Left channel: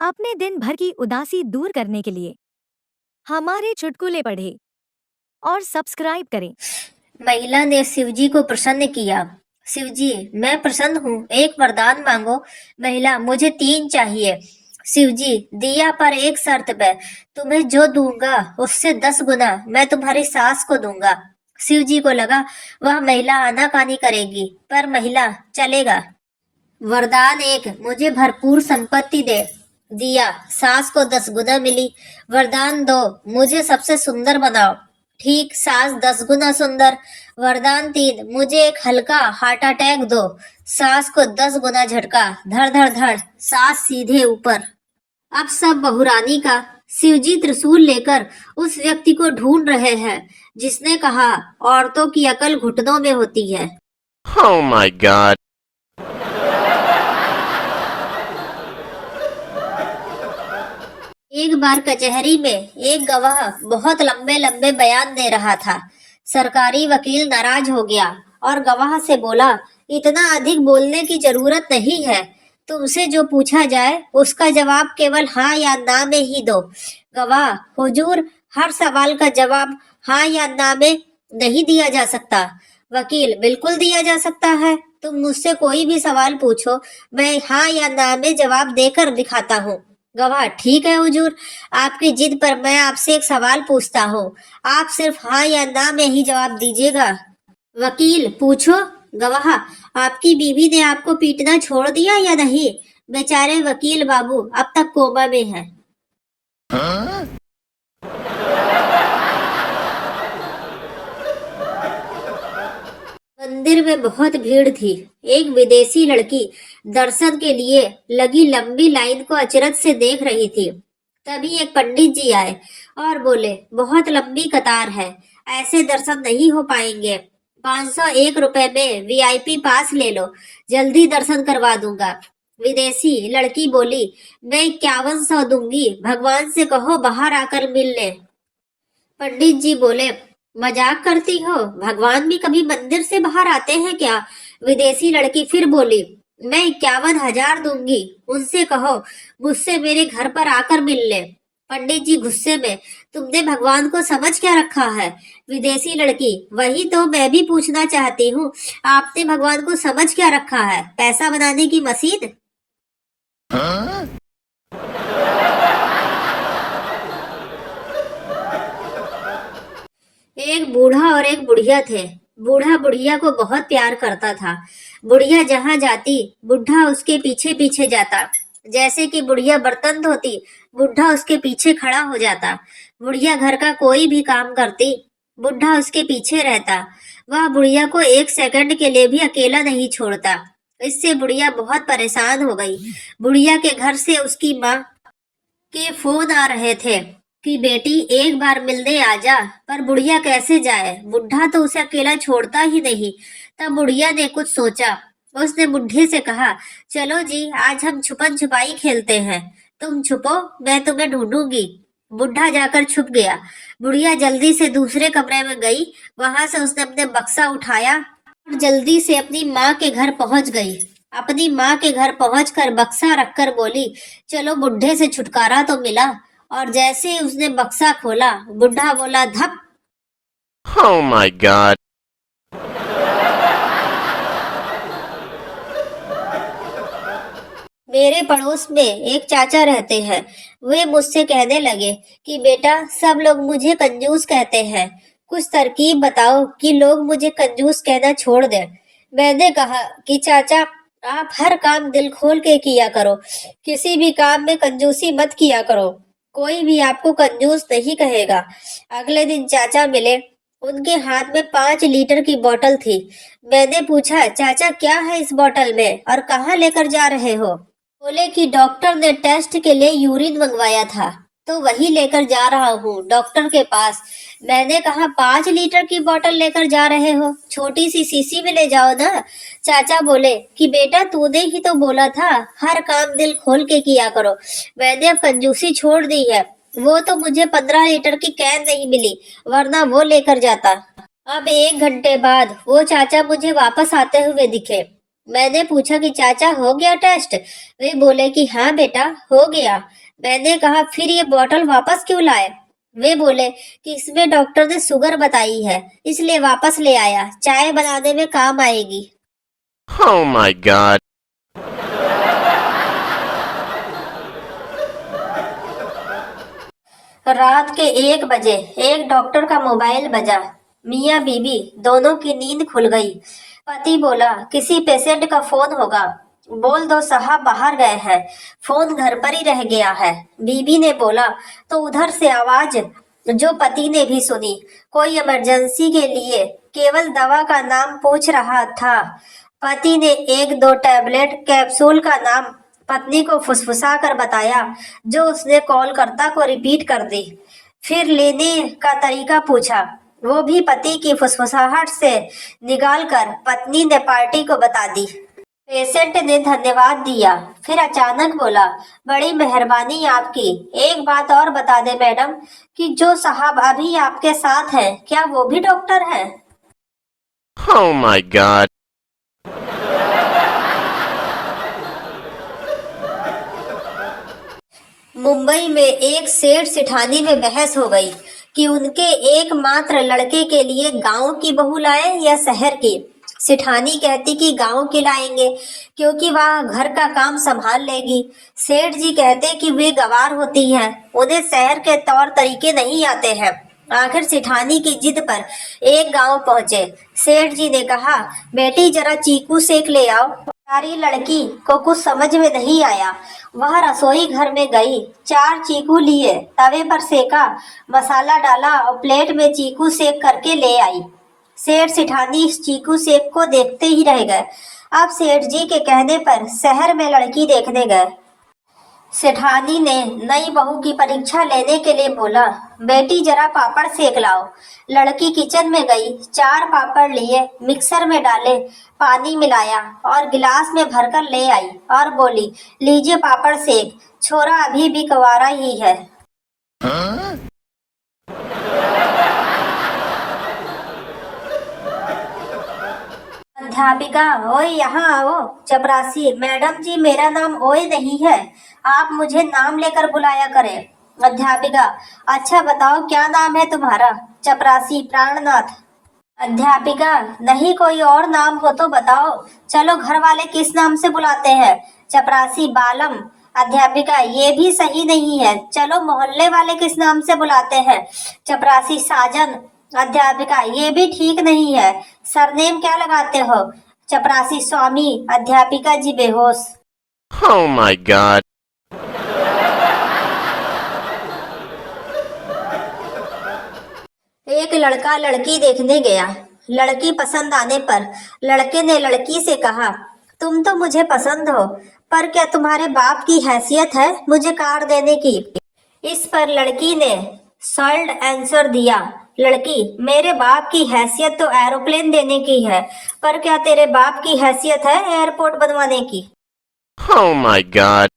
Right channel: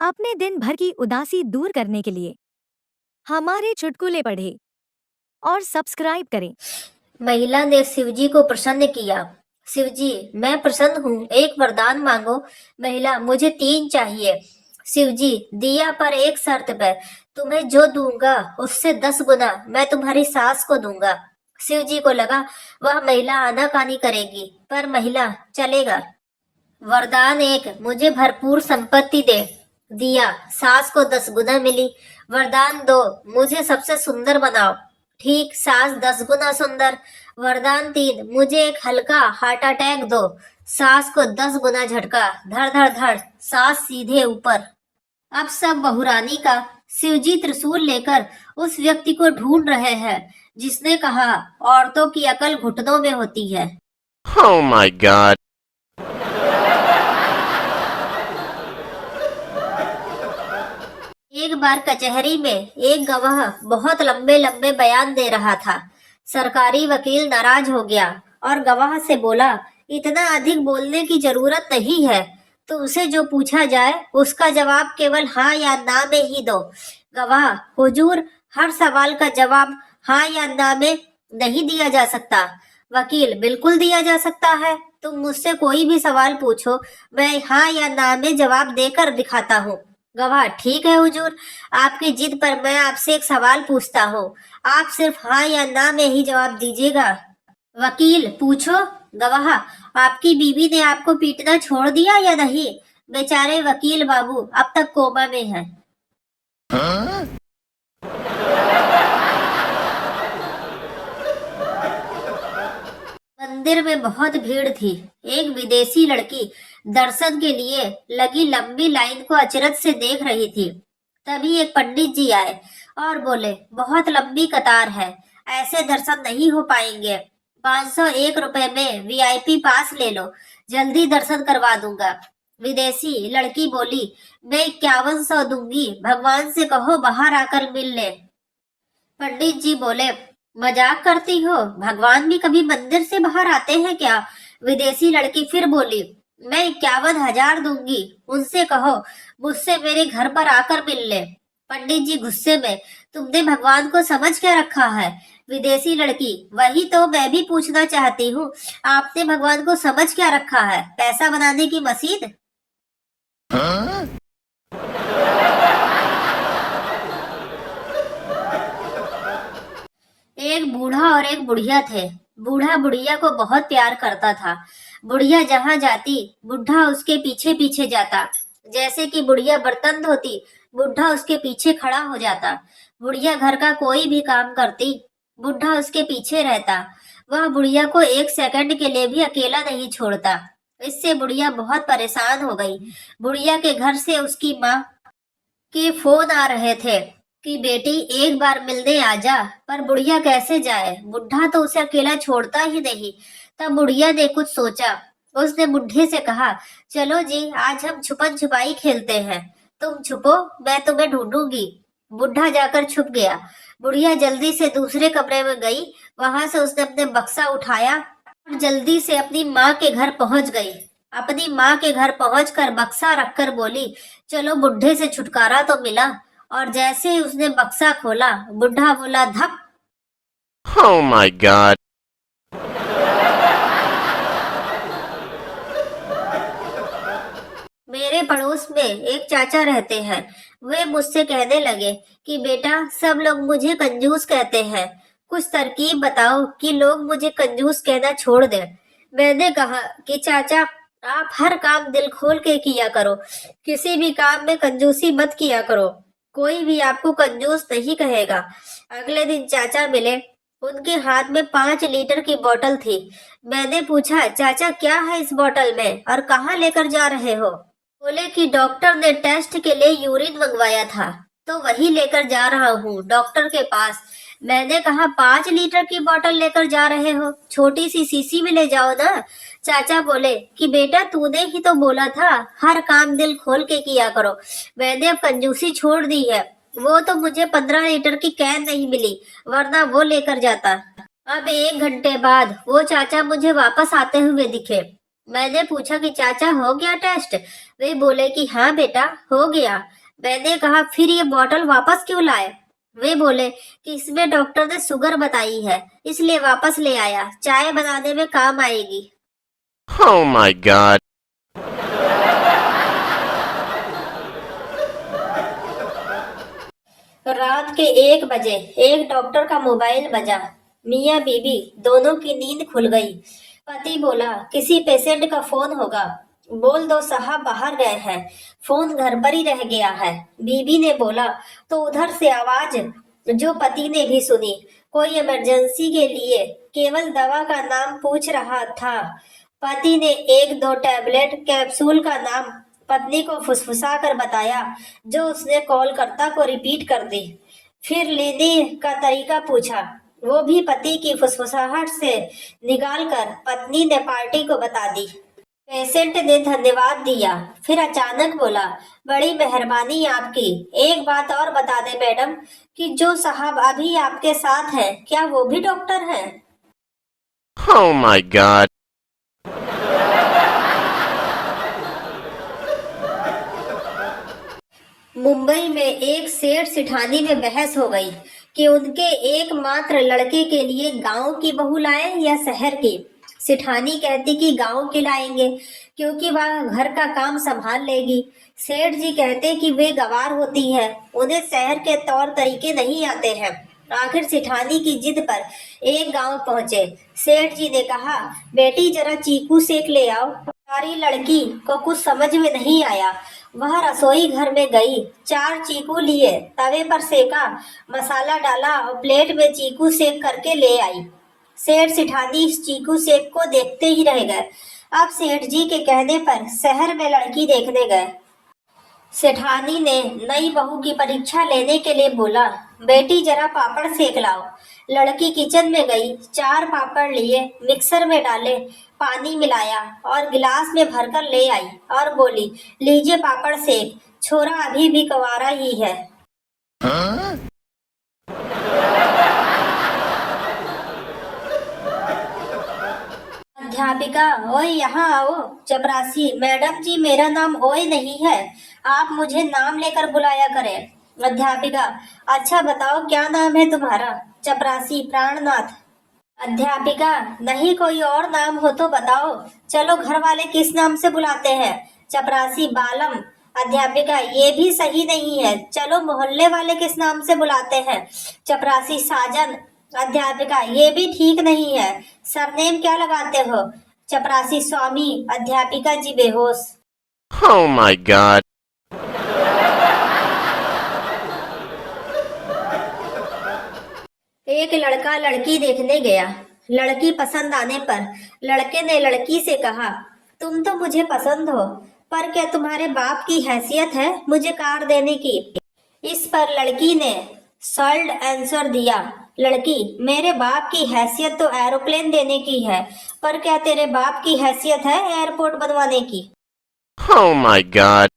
अपने दिन भर की उदासी दूर करने के लिए हमारे चुटकुले पढ़ें और सब्सक्राइब करें। महिला ने शिवजी को प्रसन्न किया। शिवजी, मैं प्रसन्न हूँ, एक वरदान मांगो। महिला, मुझे 3 चाहिए। शिवजी, दिया पर एक शर्त पे, तुम्हें जो दूंगा उससे 10 गुना मैं तुम्हारी सास को दूंगा। शिवजी को लगा वह महिला आनाकानी करेगी, पर महिला चलेगा। वरदान 1, मुझे भरपूर संपत्ति दे। दिया, सास को 10 गुना मिली। वरदान 2, मुझे सबसे सुंदर बनाओ। ठीक, सास 10 गुना सुंदर। वरदान 3, मुझे एक हल्का हार्ट अटैक दो। सास को 10 गुना झटका, धड़ धड़ धड़, सास सीधे ऊपर। अब सब बहुरानी का। शिवजी त्रिशूल लेकर उस व्यक्ति को ढूंढ रहे हैं जिसने कहा औरतों की अकल घुटनों में होती है। Oh my god. एक बार कचहरी में एक गवाह बहुत लंबे लंबे बयान दे रहा था। सरकारी वकील नाराज हो गया और गवाह से बोला, इतना अधिक बोलने की जरूरत नहीं है। तुमसे जो पूछा जाए उसका जवाब केवल हाँ या ना में ही दो। गवाह, हुजूर, हर सवाल का जवाब हाँ या ना में नहीं दिया जा सकता। वकील, बिल्कुल दिया जा सकता है। तुम मुझसे कोई भी सवाल पूछो, मैं हाँ या ना में जवाब देकर दिखाता हूँ। गवाह, ठीक है हुजूर, आपकी जिद पर मैं आपसे एक सवाल पूछता हूँ। आप सिर्फ हाँ या ना में ही जवाब दीजिएगा। वकील, पूछो। गवाह, आपकी बीवी ने आपको पीटना छोड़ दिया या नहीं? बेचारे वकील बाबू अब तक कोमा में हैं। मंदिर में बहुत भीड़ थी। एक विदेशी लड़की दर्शन के लिए लगी लंबी लाइन को अचरज से देख रही थी। तभी एक पंडित जी आए और बोले, बहुत लंबी कतार है, ऐसे दर्शन नहीं हो पाएंगे। 501 रुपए में वीआईपी पास ले लो, जल्दी दर्शन करवा दूंगा। विदेशी लड़की बोली, मैं 5100 दूंगी, भगवान से कहो बाहर आकर मिल ले। पंडित जी बोले, मजाक करती हो? भगवान भी कभी मंदिर से बाहर आते हैं क्या? विदेशी लड़की फिर बोली, मैं 51,000 दूंगी, उनसे कहो मुझसे मेरे घर पर आकर मिल ले। पंडित जी गुस्से में, तुमने भगवान को समझ क्या रखा है? विदेशी लड़की, वही तो मैं भी पूछना चाहती हूँ, आपने भगवान को समझ क्या रखा है? पैसा बनाने की मशीन? एक बूढ़ा और एक बुढ़िया थे। बूढ़ा बुढ़िया को बहुत प्यार करता था। बुढ़िया जहां जाती बुढ़ा उसके पीछे पीछे जाता। जैसे कि बुढ़िया बर्तन धोती, बुढ़ा उसके पीछे खड़ा हो जाता। बुढ़िया घर का कोई भी काम करती, बुढ़ा उसके पीछे रहता। वह बुढ़िया को एक सेकंड के लिए भी अकेला नहीं छोड़ता। इससे बुढ़िया बहुत परेशान हो गई। बुढ़िया के घर से उसकी माँ के फोन आ रहे थे कि बेटी एक बार मिलने आजा, पर बुढ़िया कैसे जाए? बुढ़ा तो उसे अकेला छोड़ता ही नहीं। तब बुढ़िया ने कुछ सोचा। उसने बुढ़े से कहा, चलो जी, आज हम छुपन छुपाई खेलते हैं। तुम छुपो, मैं तुम्हें ढूंढूंगी। बुढ़ा जाकर छुप गया। बुढ़िया जल्दी से दूसरे कमरे में गई। वहां से उसने अपने बक्सा उठाया और जल्दी से अपनी माँ के घर पहुंच गई। अपनी माँ के घर पहुंचकर बक्सा रखकर बोली, चलो बुढ़े से छुटकारा तो मिला। और जैसे ही उसने बक्सा खोला, बुढ़ा बोला, धप। Oh my god. मेरे पड़ोस में एक चाचा रहते हैं। वे मुझसे कहने लगे कि बेटा, सब लोग मुझे कंजूस कहते हैं, कुछ तरकीब बताओ कि लोग मुझे कंजूस कहना छोड़ दें। मैंने कहा कि चाचा, आप हर काम दिल खोल के किया करो, किसी भी काम में कंजूसी मत किया करो, कोई भी आपको कंजूस नहीं कहेगा। अगले दिन चाचा मिले। उनके हाथ में 5 लीटर की बोतल थी। मैंने पूछा, चाचा क्या है इस बोतल में और कहाँ लेकर जा रहे हो? बोले कि डॉक्टर ने टेस्ट के लिए यूरिन मंगवाया था, तो वही लेकर जा रहा हूँ डॉक्टर के पास। मैंने कहा, 5 लीटर की बोतल लेकर जा रहे हो, छोटी सी शीशी में ले जाओ ना। चाचा बोले कि बेटा, तूने ही तो बोला था हर काम दिल खोल के किया करो। मैंने अब कंजूसी छोड़ दी है। वो तो मुझे 15 लीटर की कैन नहीं मिली, वरना वो लेकर जाता। अब 1 घंटे बाद वो चाचा मुझे वापस आते हुए दिखे। मैंने पूछा कि चाचा हो गया टेस्ट। वे बोले कि हाँ बेटा हो गया। मैंने कहा फिर ये बॉटल वापस क्यों लाए? वे बोले कि इसमें डॉक्टर ने शुगर बताई है, इसलिए वापस ले आया, चाय बनाने में काम आएगी। Oh my god. रात के 1 बजे एक डॉक्टर का मोबाइल बजा। मियाँ बीबी दोनों की नींद खुल गई। पति बोला किसी पेशेंट का फोन होगा, बोल दो साहब बाहर गए हैं, फोन घर पर ही रह गया है। बीबी ने बोला तो उधर से आवाज जो पति ने भी सुनी, कोई इमरजेंसी के लिए केवल दवा का नाम पूछ रहा था। पति ने 1-2 टैबलेट कैप्सूल का नाम पत्नी को फुसफुसा कर बताया, जो उसने कॉल करता को रिपीट कर दी। फिर लेने का तरीका पूछा, वो भी पति की फुसफुसाहट से निकाल कर पत्नी ने पार्टी को बता दी। पेशेंट ने धन्यवाद दिया, फिर अचानक बोला बड़ी मेहरबानी आपकी, एक बात और बता दे मैडम कि जो साहब अभी आपके साथ हैं क्या वो भी डॉक्टर हैं? Oh my god. मुंबई में एक सेठ सिठानी में बहस हो गई कि उनके एकमात्र लड़के के लिए गांव की बहू लाएं या शहर की। सिठानी कहती कि गांव की लाएंगे क्योंकि वह घर का काम संभाल लेगी। सेठ जी कहते कि वे गंवार होती है, उन्हें शहर के तौर तरीके नहीं आते हैं। आखिर सिठानी की जिद पर एक गांव पहुंचे। सेठ जी ने कहा बेटी जरा चीकू सेक ले आओ। सारी लड़की को कुछ समझ में नहीं आया। वह रसोई घर में गई, 4 चीकू लिए, तवे पर सेका, मसाला डाला और प्लेट में चीकू सेक करके ले आई। सेठ सिठानी इस चीकू सेक को देखते ही रह गए। अब सेठ जी के कहने पर शहर में लड़की देखने गए। सेठानी ने नई बहू की परीक्षा लेने के लिए बोला बेटी जरा पापड़ सेक लाओ। लड़की किचन में गई, 4 पापड़ लिए, मिक्सर में डाले, पानी मिलाया और गिलास में भरकर ले आई और बोली लीजिए पापड़ सेक। छोरा अभी भी कंवारा ही है। अध्यापिका ओए यहाँ आओ। चपरासी मैडम जी मेरा ओए ओए नहीं है, आप मुझे नाम लेकर बुलाया करें। अध्यापिका अच्छा बताओ क्या नाम है तुम्हारा? चपरासी प्राणनाथ। अध्यापिका नहीं कोई और नाम हो तो बताओ। चलो घर वाले किस नाम से बुलाते हैं? चपरासी बालम। अध्यापिका ये भी सही नहीं है, चलो मोहल्ले वाले किस नाम से बुलाते हैं? चपरासी साजन। अध्यापिका ये भी ठीक नहीं है, सरनेम क्या लगाते हो? चपरासी स्वामी। अध्यापिका जी बेहोश। Oh my god. एक लड़का लड़की देखने गया। लड़की पसंद आने पर लड़के ने लड़की से कहा तुम तो मुझे पसंद हो, पर क्या तुम्हारे बाप की हैसियत है मुझे कार देने की? इस पर लड़की ने सॉल्ड आंसर दिया लड़की मेरे बाप की हैसियत तो एरोप्लेन देने की है, पर क्या तेरे बाप की हैसियत है एयरपोर्ट बनवाने की? Oh my god.